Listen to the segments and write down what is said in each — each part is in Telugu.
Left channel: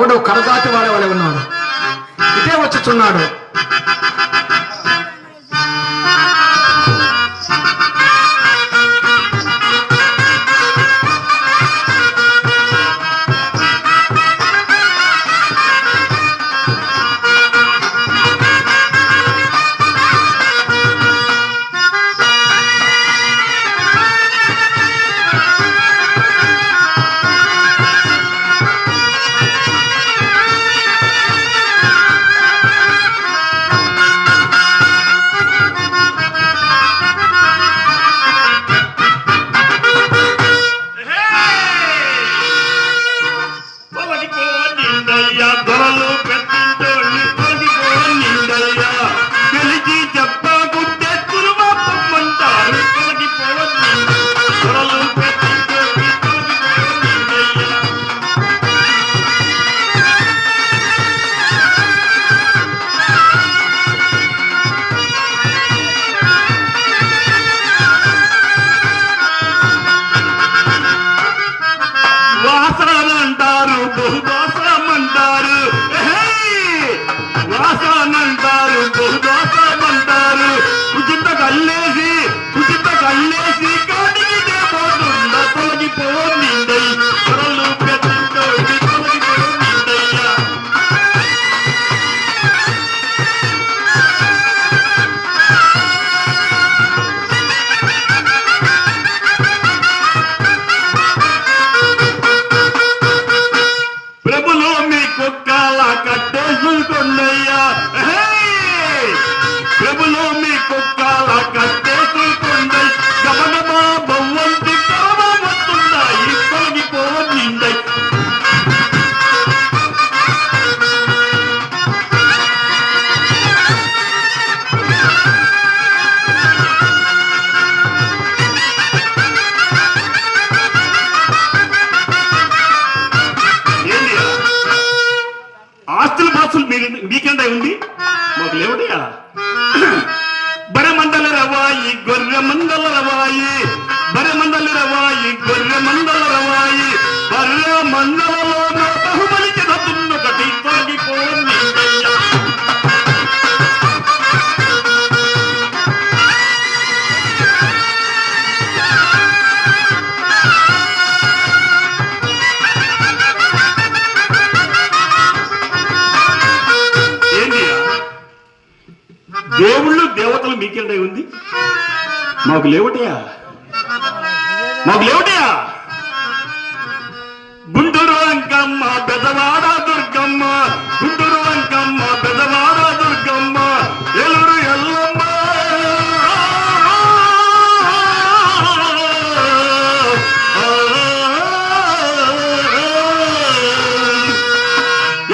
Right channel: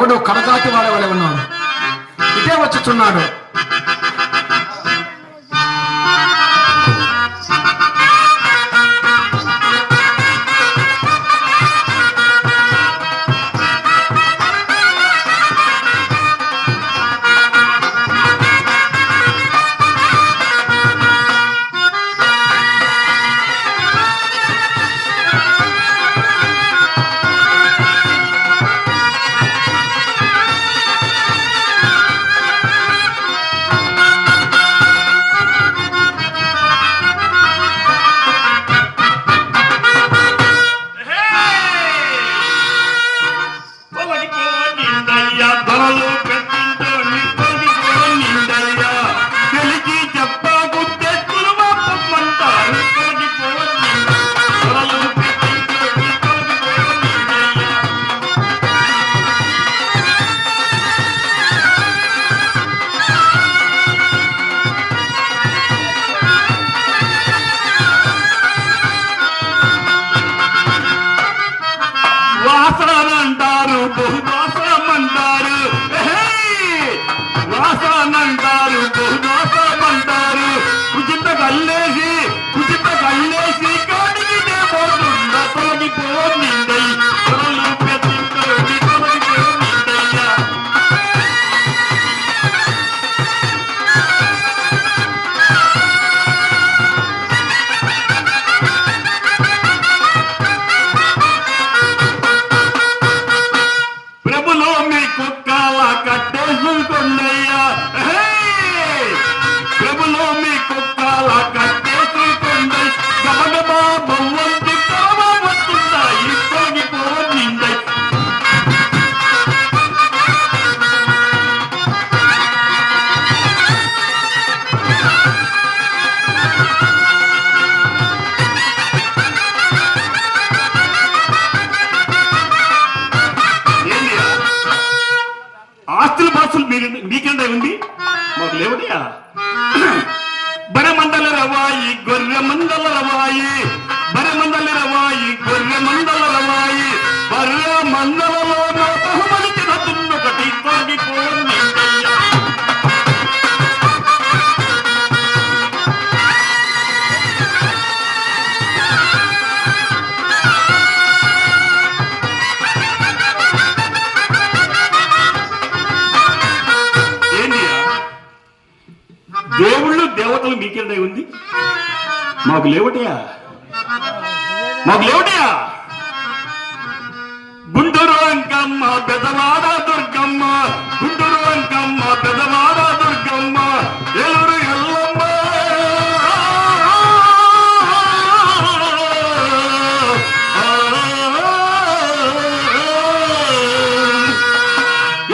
ఎవడు కడదాటి వాడవలే ఉన్నాడు. ఇటే వచ్చుచున్నాడు. మీకెంత ఉంది మాకు లేవటయా? బరమండల రవాయి గొర్రె మండల రవాయి, బరమండల రవాయి గొర్రె మండల రవాయి, బర్రె మండలలో బహుమతి ఒకటి తొలగిపోయింది. దేవుళ్ళు దేవతలు మీకెంత ఉంది మాకు లేవటయా? మాకు లేవటయా? గుంటూరు అంకమ్మ పెదవాడ దుర్గమ్మ, గుంటూరు అంకమ్మ పెదవాడ దుర్గమ్మ, ఎలురు ఎల్లమ్మ,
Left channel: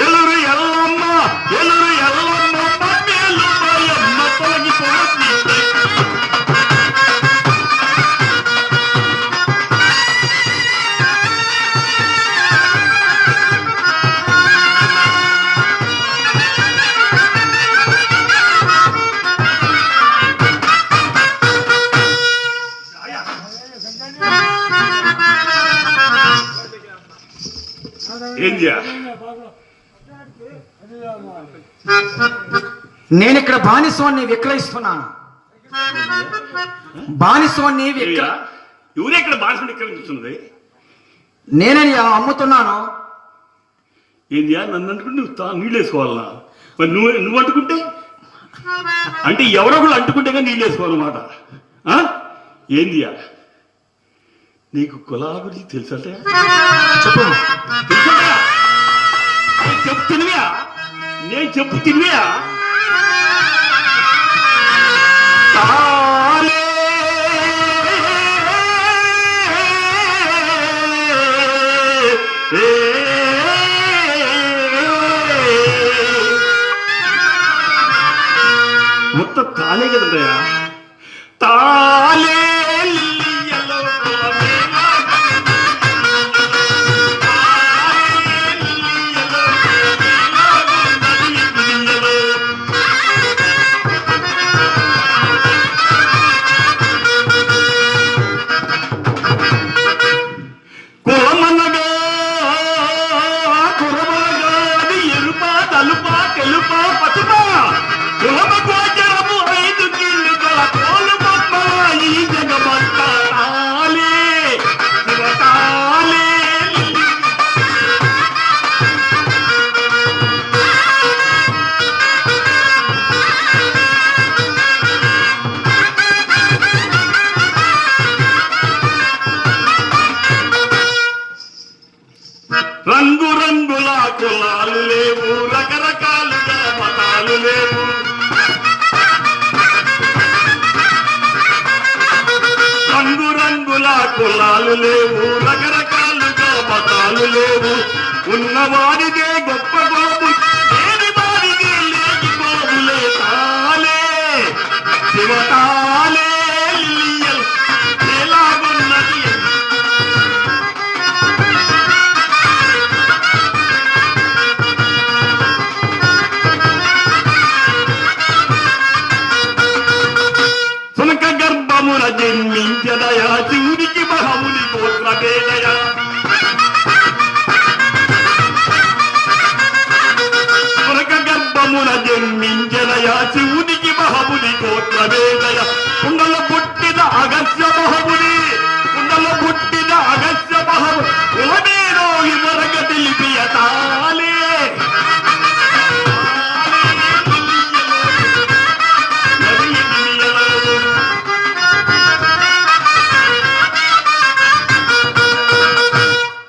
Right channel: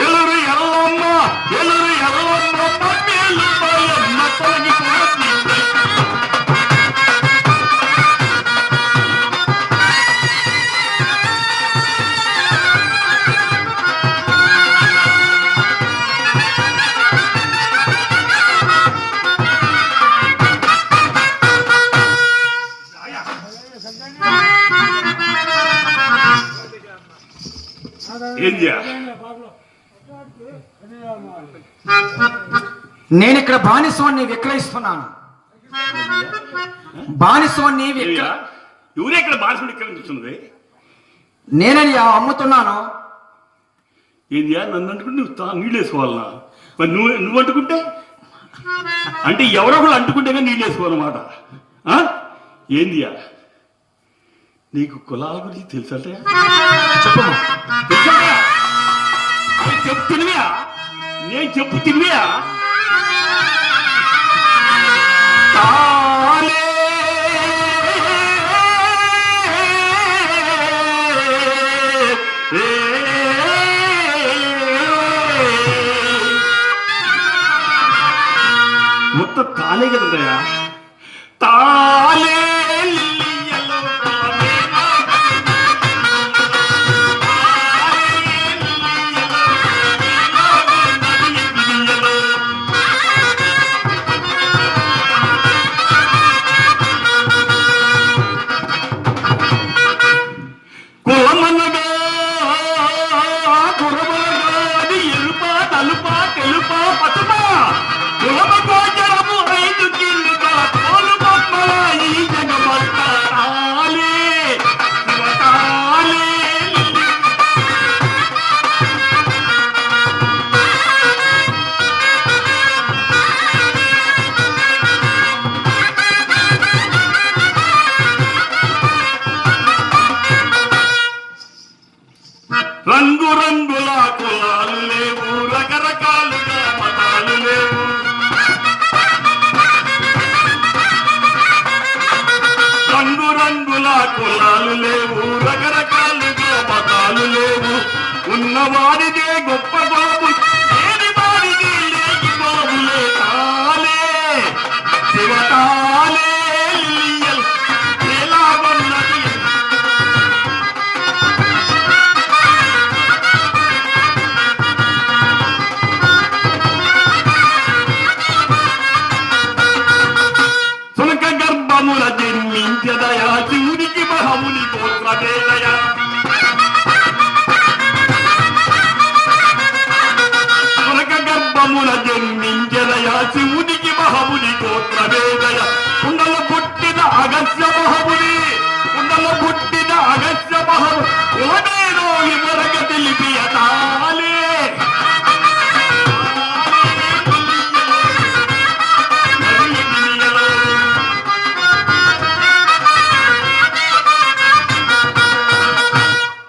ఎలురు ఎల్లమ్మ, ఎలురు ఎల్లమ్మ పట్టేలు తొలగిపోతుంది. నేను ఇక్కడ బానిసవాన్ని విక్రయిస్తున్నాను. బానిసవాన్ని ఎవరే ఇక్కడ బానిసని విక్రయిస్తుంది? నేనయ్యా అమ్ముతున్నాను. ఏందియా నన్ను అంటుకుంటే నువ్వు నీళ్ళు వేసుకోవాలన్నా? మరి నువ్వు అంటుకుంటే అంటే ఎవరో కూడా అంటుకుంటే కానీ నీళ్ళు వేసుకోవాలన్నమాట. ఏందియా నీకు కులాల గురించి తెలుసట? చెప్పు. తెలుసా? చెప్పు తినివా? నేను చెప్పు తినివా? మొత్తం తాలే కదయా? తాలే కురమనగా తెలుపా పసుపా కులమ గోచరము 5 కిళ్ళుగా పోలు బొమ్మల ఈ జగమంతాలే శివతాలే. రంగు రంగుల కులాలు లేవు, రకరకాలుగా మతాలు లేవు. రంగు రంగుల కులాలు లేవు, రకరకాలుగా మతాలు లేవు. ఉన్నవారిదే గొప్ప గోపు, లేని వారిది లేని గోపులే తాలే శివతాలే. ఎలాగున్నది సునక గర్భముల జన్మించదయా శివునికి మహముని గోత్రభేదయా. సునక గర్భముల జన్మించదయా శివునికి మహముని గోత్రభేదయ. కుండల పుట్టిన అగస్య మహముని, కుండల పుట్టిన అగస్య మహము కులమేదో వివరగ తెలిపియతాలే.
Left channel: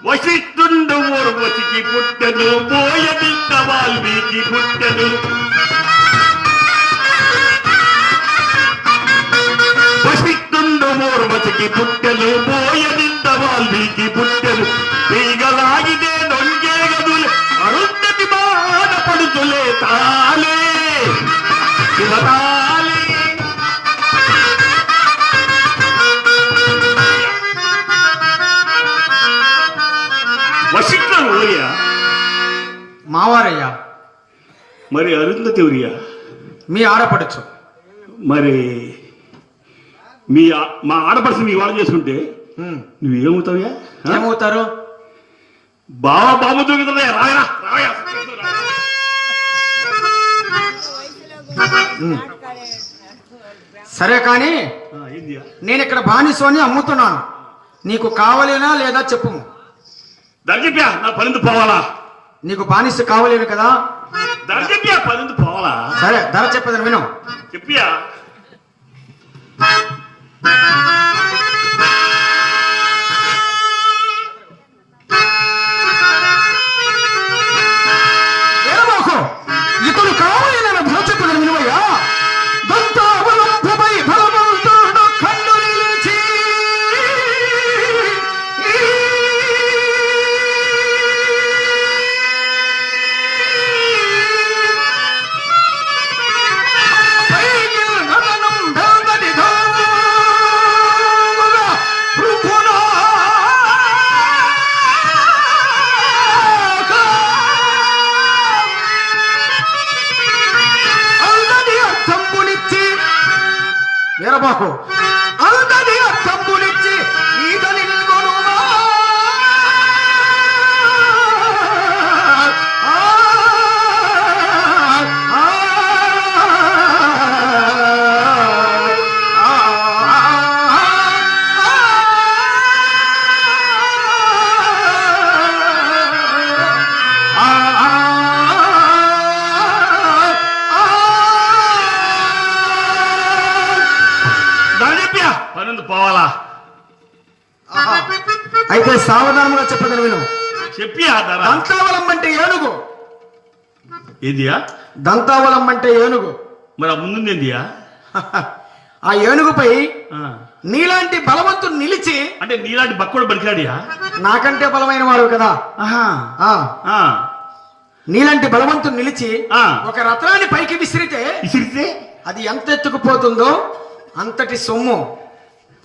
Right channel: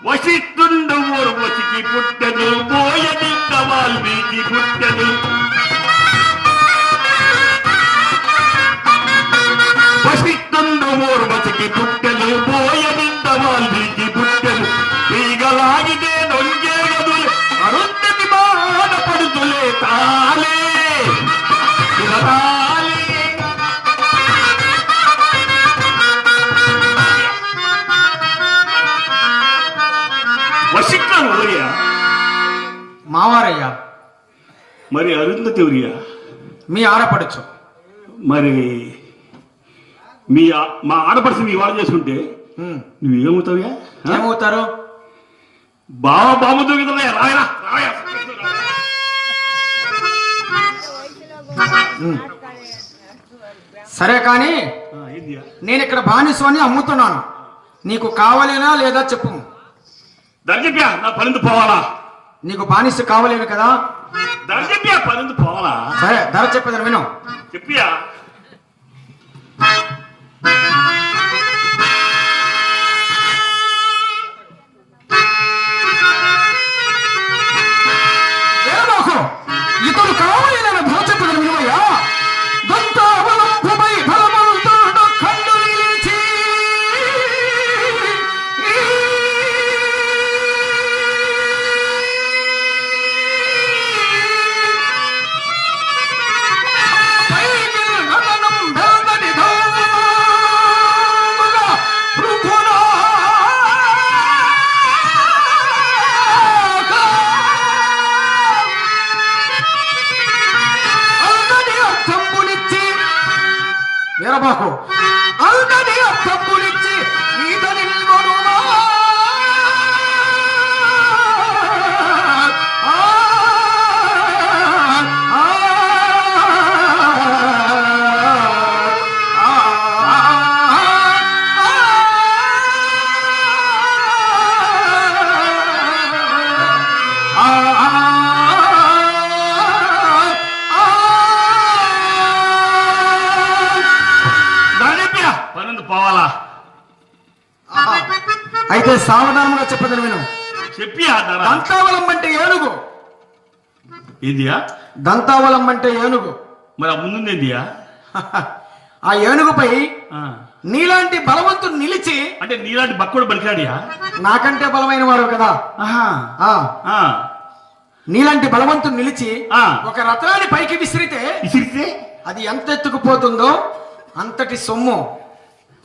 వశిష్ఠుండు ఊర్వశికి పుట్టెను, బోయనింద వాల్మీకి పుట్టెను. వశిష్ఠుండు ఊర్వశికి పుట్టెను, బోయనింద వాల్మీకి పుట్టెను. ఈగలాగితే నొంగే గదులు అరుంధతి బాధపడుతులే తాలే శివతాలే. వశిష్ఠుడు ఊరియా మావారయ్యా, మరి అరుంధతి ఊరియా మీ ఆడపడచ్చు. మరి మా ఆడపడుచు మీ వాళ్ళు చేసుకుంటే నువ్వేమవుతావా? ఏమవుతారు? బావతో కదా రాయరా రాయా. సరే కానీ ఏందియా? నేను ఇక్కడ బానిసోని అమ్ముతున్నాను, నీకు కావాలేనా లేదా చెప్పు. దర్జప్యా నా పనిందు పోవాలా? నీకు బానిస కావాలేను కదా. దర్జప్యా పనిందు పోవాలా? సరే ధర చెప్పేదని విను. చెప్పియా. ఇతను కావాలని ధర చెప్పదని వినువయ్యా. వీరబాకు అల్లని తమ్ముడిచ్చి ఈతని పనిందు పోవాలా? అయితే సావధానంగా చెప్పదని విను. చెప్పియా. దంతావలం అంటే ఏనుగు. ఏందియా? దంతావలం అంటే ఏనుగు. మరి ఆ ముందు ఏందియా? ఆ ఏనుగుపై నీలాంటి బలవంతుడు నిలిచి, అంటే నీలాంటి బక్కుడు బలికాడియా? నాకంటే బలమైన వాడు కదా. నీలాంటి బలవంతుడు నిలిచి ఒక రత్నాన్ని పైకి విసిరితే అది ఎంత ఎత్తుకుపోతుందో అంతటి సొమ్ము,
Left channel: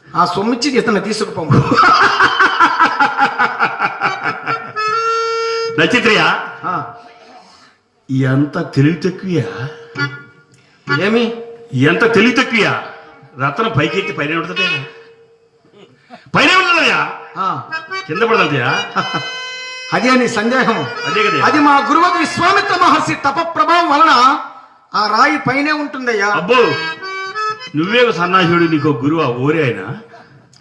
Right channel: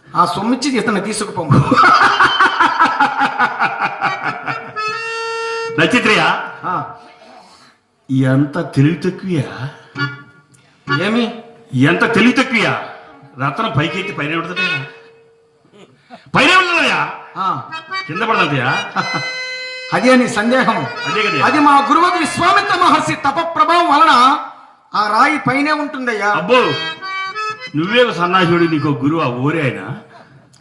ఆ సొమ్మిచ్చి ఇతను తీసుకుపోము. నచ్చిత్రయా ఎంత తెలివి తక్కువయా? ఏమి ఎంత తెలివి తక్కువయా? రత్నం పైకెత్తి పైన ఉంటుందయా, పైన ఉంటుందయా, కింద పడదయా. అదే నీ సందేహం. అదే కదా. అది మా గురువు విశ్వామిత్ర మహర్షి తప ప్రభావం వలన ఆ రాయి పైనే ఉంటుందయ్యా. అబ్బో, నువ్వే సన్నాసుడు, నీకు గురువు ఓరే ఆయన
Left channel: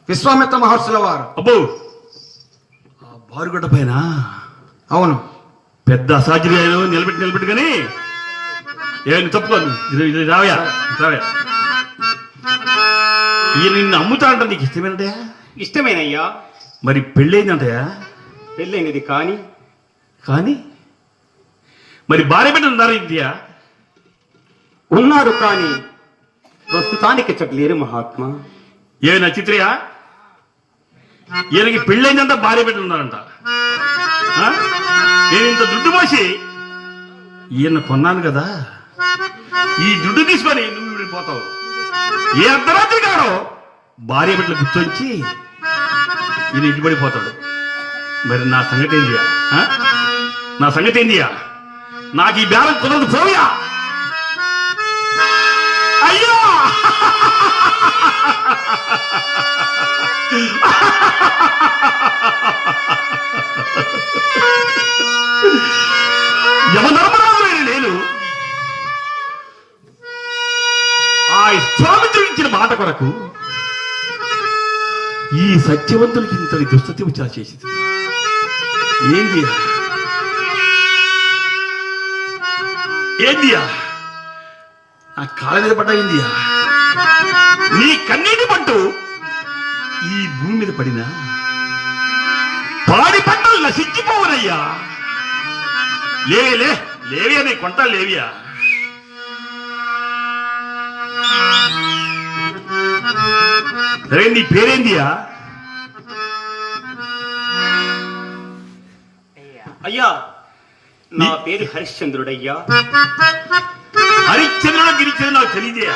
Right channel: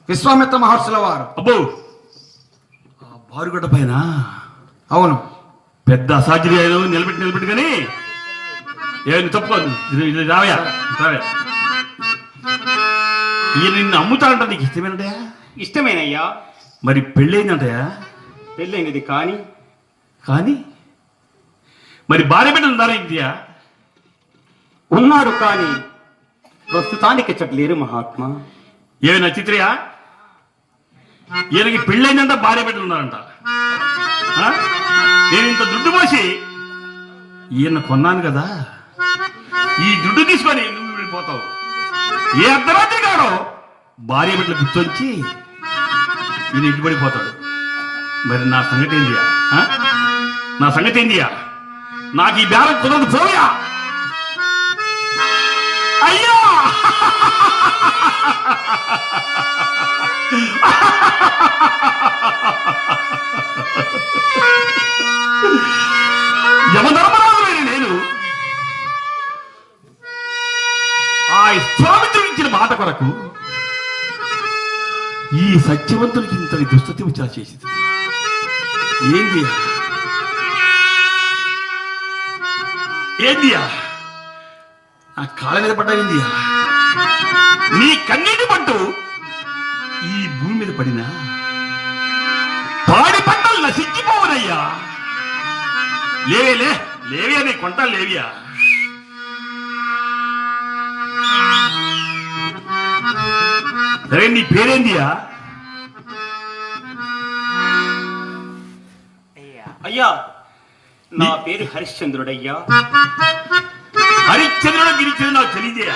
విశ్వామిత్ర మహర్షుల వారు. అబ్బో, బారుగడ్డ పైన. అవును, పెద్ద అసాధ్యాలు నిలబెట్టి కానీ ఏం తప్పుకోదు. రావయా రావే. ఈయన నిన్ను అమ్ముతాడంట, నీకు ఇష్టమేనంటయా? ఇష్టమేనయ్యా. మరి పెళ్ళయిందంటయా? పెళ్ళైనది కానీ కానీ మరి భార్య బిడ్డలు ఉన్నారా ఇండియా? ఉన్నాడు కానీ ప్రస్తుతానికి చెట్లేరు మహాత్మా. ఏ నచిత్రయా, ఈయనకి పెళ్ళైందంట, భార్య బిడ్డలు ఉన్నారంట. ఆ? నేను ఇంత దుడ్డు పోసి ఈయన కొన్నాను కదా, ఈ దుడ్డు తీసుకొని నువ్వు వెళ్ళిపోతావు. ఏ అర్ధరాత్రి కాడో భార్య బిడ్డలు గుర్తొచ్చి ఈయన ఇంటి పడిపోతాడు. మరి నా సంగతి ఏందియా? నా సంగతి ఏందియా? నాకు ఈ బేరం కుదరదు, పోయా. అయ్యా, యమధర్మరాజులైన నేను ఆ ఇష్టామిత్రుడు ఇచ్చిన మాట కొరకు ఈ సత్యవంతునికి ఇంతటి దుస్థితి విచార చేసింది. ఏంది ఏందియా? నా కాళ్ళ మీద పడ్డాయిందియా? నీ కన్నీటి పట్టు ఈ భూమి మీద పడినా పాడి పంటలు నశించిపోవనయ్యా. లేవే లేవియా, నీ కొంటాలు లేవియా? సరే, నీ పేరేందియా? అయ్యా, నా పేరు హరిశ్చంద్రుడయ్యా. హరిశ్చంద్రుడు గిరిచంద్రుడు నాకు తెలియజేయ.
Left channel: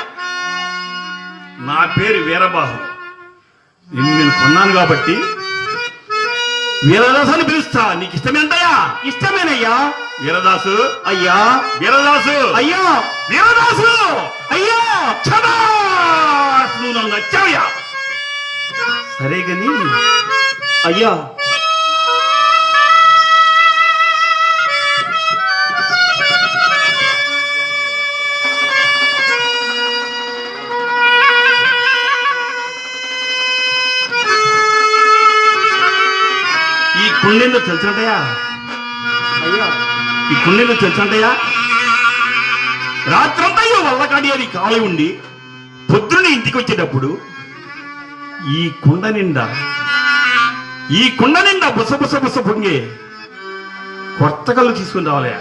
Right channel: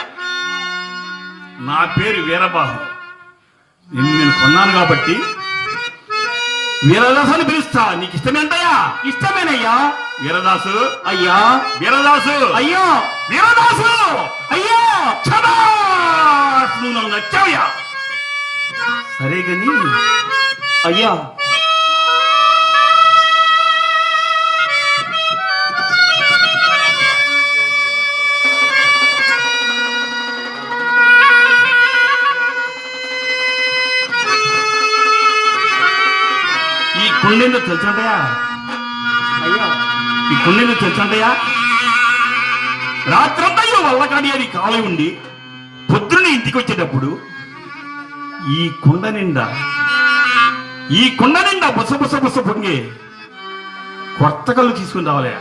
నా పేరు వీరబాహు. నేను కొన్నాను కాబట్టి వీరదాసు అని పిలుస్తా. నీకు ఇష్టమేంటయ్యా? ఇష్టమేనయ్యా. వీరదాసు అయ్యా, వీరదాసు అయ్యా, వీరదాసు అయ్యా. శభాష్, నువ్వు నన్ను నచ్చావయ్యా. సరే గని అయ్యా, ఈ కుండెందో తెలుసుంటాయా? అయ్యా, ఈ కుండెందో తెలుసుంటాయా? రాత్రంతా వల్లకాడి అని కాలు ఉండి పొద్దున్న ఇంటికి వచ్చేటప్పుడు ఈ కుండ నిండా బుస బుస బుస పొంగి కొత్త కళ్ళు తీసుకుని రావాలయా.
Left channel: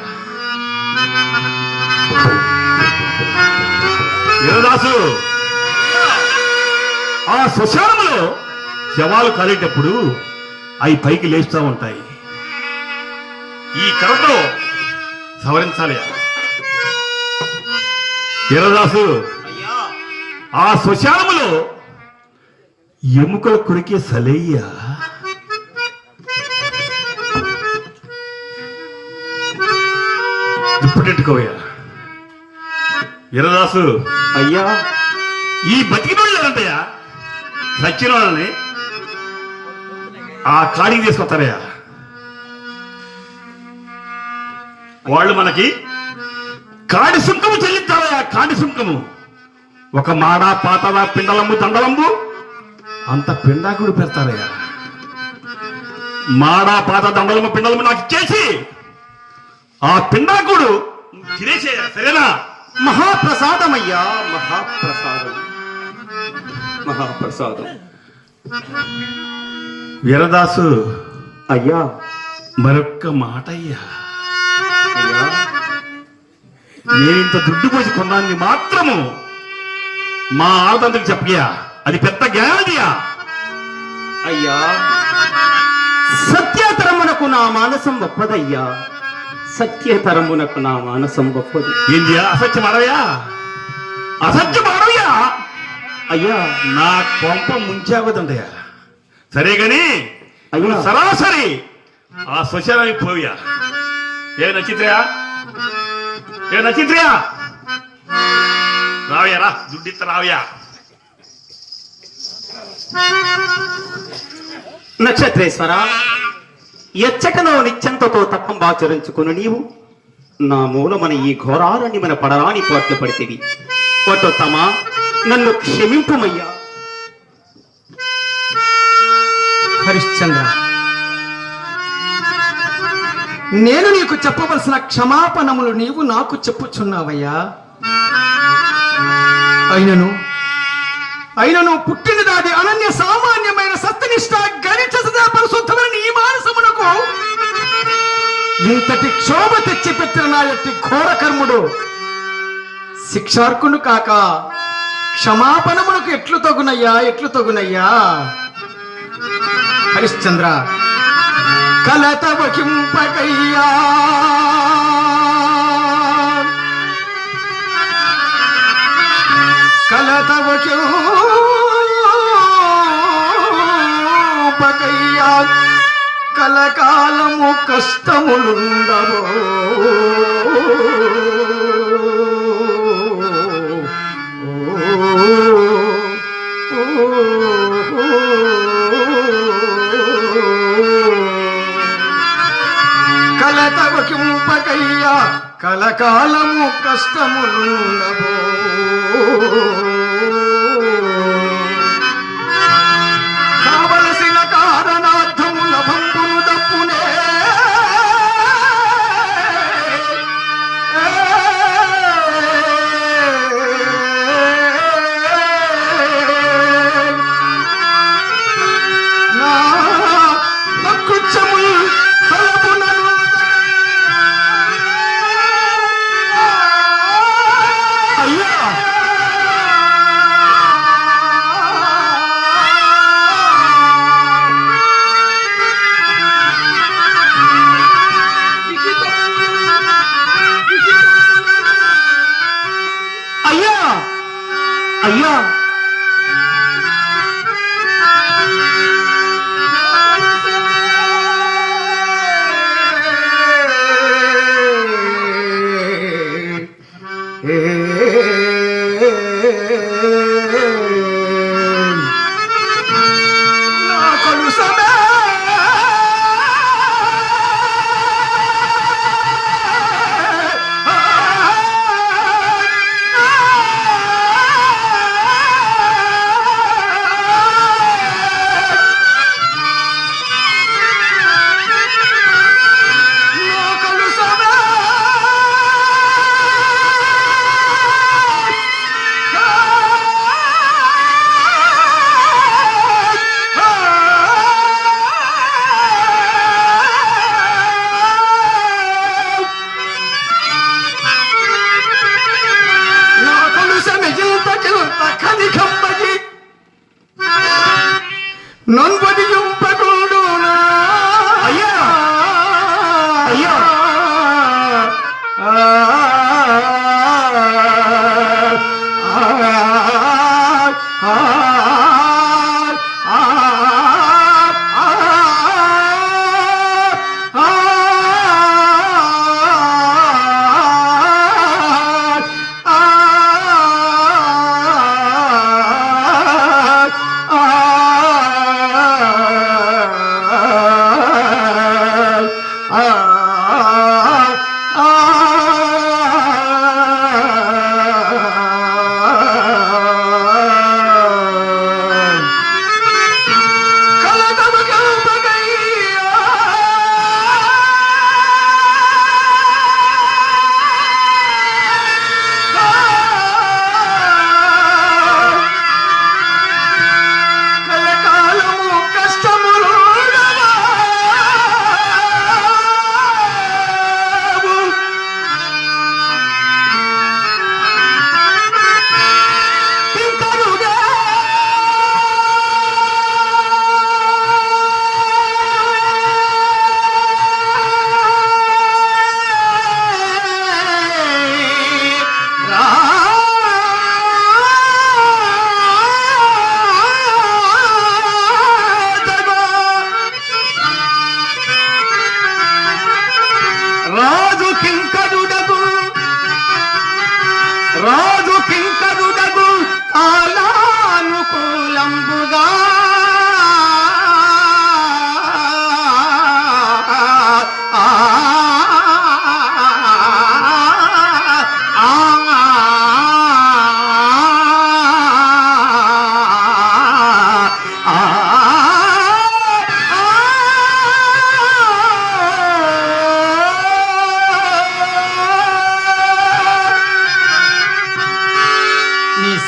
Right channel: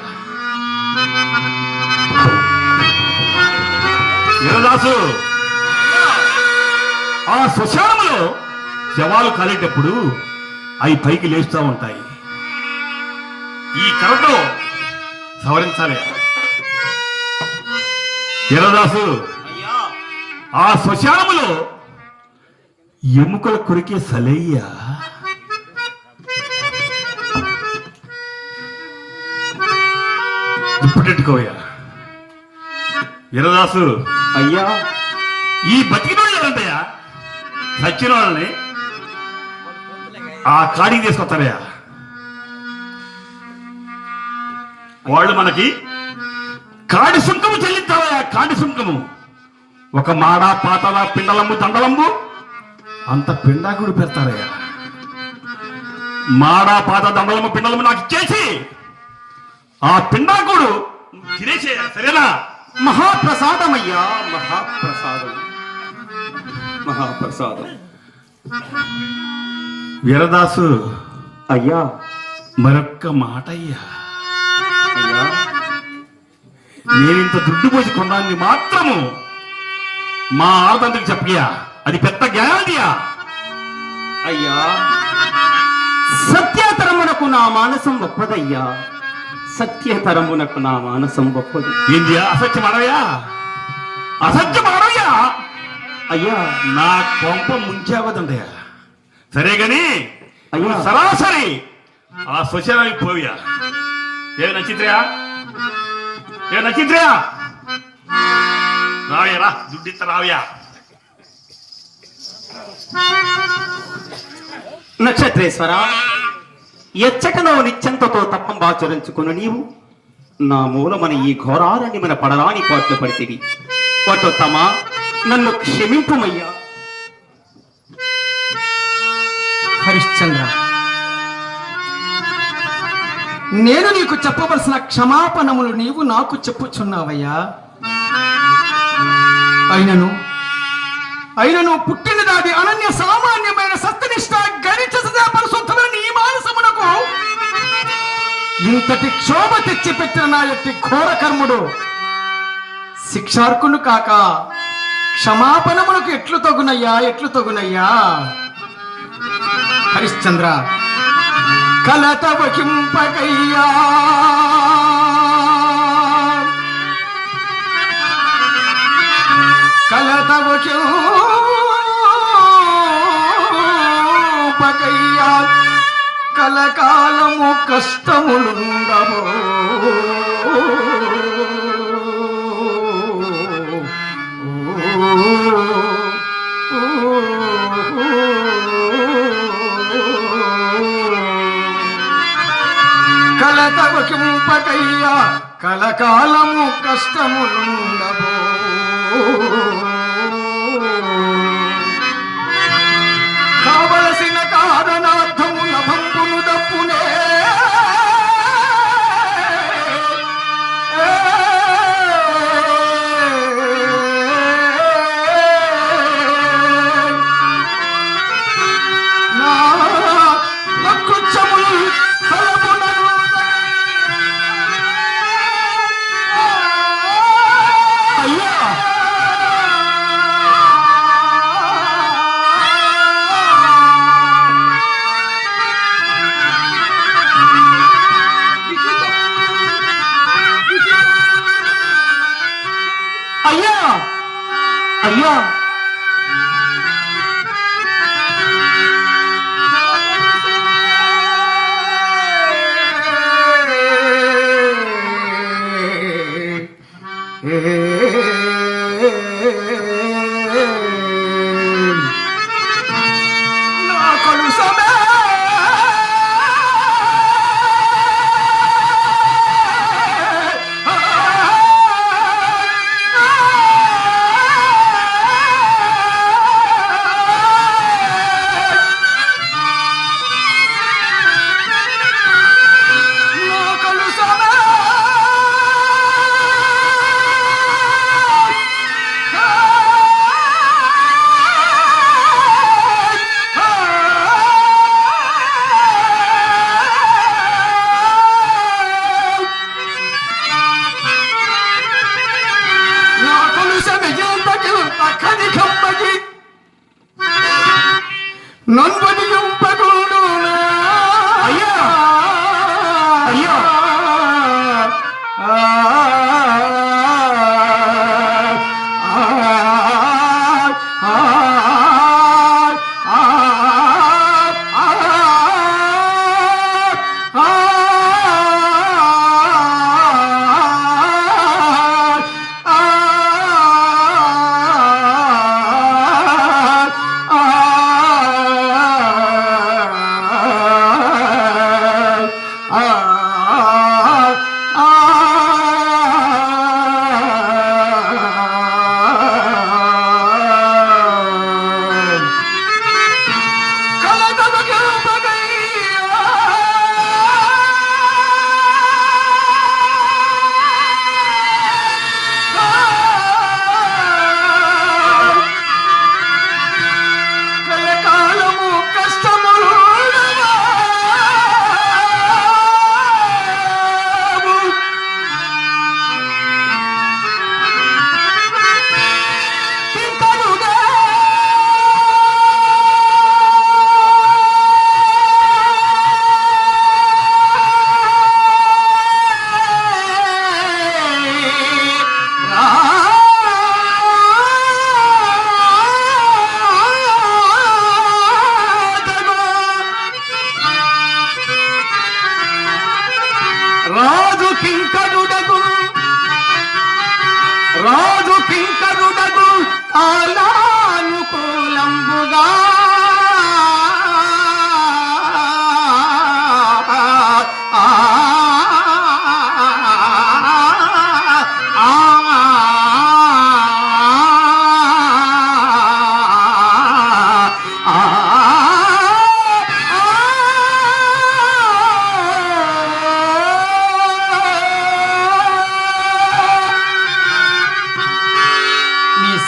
వీరదాసు, ఆ శ్మశానంలో శవాలు కాలేటప్పుడు అవి పైకి లేస్తూ ఉంటాయి. ఈ కర్రతో సవరించాలి. వీరదాసు, అయ్యా. ఆ శ్మశానంలో ఎముకల కొరికే సలయ్య దుప్పటెట్టుకోవయ్యా. వీరదాసు, అయ్యా, ఈ బతికిన వాళ్ళు ఎవరంటయ్యా? చచ్చిన వాళ్ళని ఆ కాడికి తీసుకొస్తారయ్యా. వాళ్ళు మనకి కాడి సుంకము చెల్లిస్తారయ్యా. కాడి సుంకము ఒక మాడ, పాతవ, పిండలంబు, దండలంబు అంత పిండాకుడు పెడతారయ్యా. మాడ, పాత, దండలము, పిండలము నాకు ఇచ్చేసి ఆ పిండాకుడు తినేసేయ. సరేనా? మహాప్రసాదం అయ్యా, మహాప్రసాదం, మహాప్రసాదం. వీరదాసు, అయ్యా, మరొక్క మాట అయ్యా. అయ్యా, నేనింత దుడ్డు పోసి కొన్నాన్ని మాత్రము మా ఆడదంతకు చెప్పయ్యా. అది పెద్ద జ్ఞానదియా. అయ్యా, సత్యతరమునకు నా మానసం గొప్పదయ్యా. సత్యతరమునకు నా మానసం గొప్పది. ఏందియా? అసత్యం అడవయా, అసత్యం అడవయా. అయ్యా, నా కొంప ముంచావదండయా. సరే గాని అయ్యా, సరాసరి ఆ శ్మశానానికి పోయా. ఏ నచిత్రయా, ఏ నచిత్రయా, రావయ్యా, రా, దుడ్డిత్త రావయ్యా. నక్షత్రేశ్వర, ఎచ్చటలో నిశ్చంతతో తప్పంబాచరించుకుని నీవు నా మూలమన ఈ ఘోరాలని మన పడరాని పాటలు పడితేవి పట్టుతమా నన్ను క్షమింపుమయ్యా. హరిశ్చంద్ర, నేను నీకు చెప్పవలసిన క్షమాపణములు నీవు నాకు చెప్పుచున్నావయ్యా. అయినను పుట్టిన దాది అనన్య సామాన్యమైన సత్యనిష్ట గరిచసదే పరిశుద్ధమైన నీ మానసమునకు ఇంతటి క్షోభ తెచ్చి పెట్టిన నా యొక్క ఘోర కర్ముడు శిక్షార్కును కాక క్షమాపణమునకు ఎట్లు తగునయ్యా. హరిశ్చంద్ర, కలత వకింపకయ్యా, కలత వకింపకయ్యా, కలకాలము కష్టములుండవో. కలతవకింపకయ్యా, కలకాలము కష్టములుండవో. కావలసిన కారణార్థముల భంపును తప్పునే నా వక్కుచ్చములు తలపున అయ్యా అయ్యా నంబడియంపగోడు. అయ్యా అయ్యా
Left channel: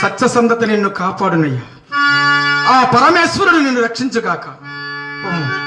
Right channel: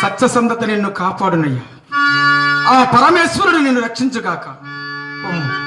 సత్యసంధత నిన్ను కాపాడునయ్యా. ఆ పరమేశ్వరుడు నిన్ను రక్షించుగాక. ఓం.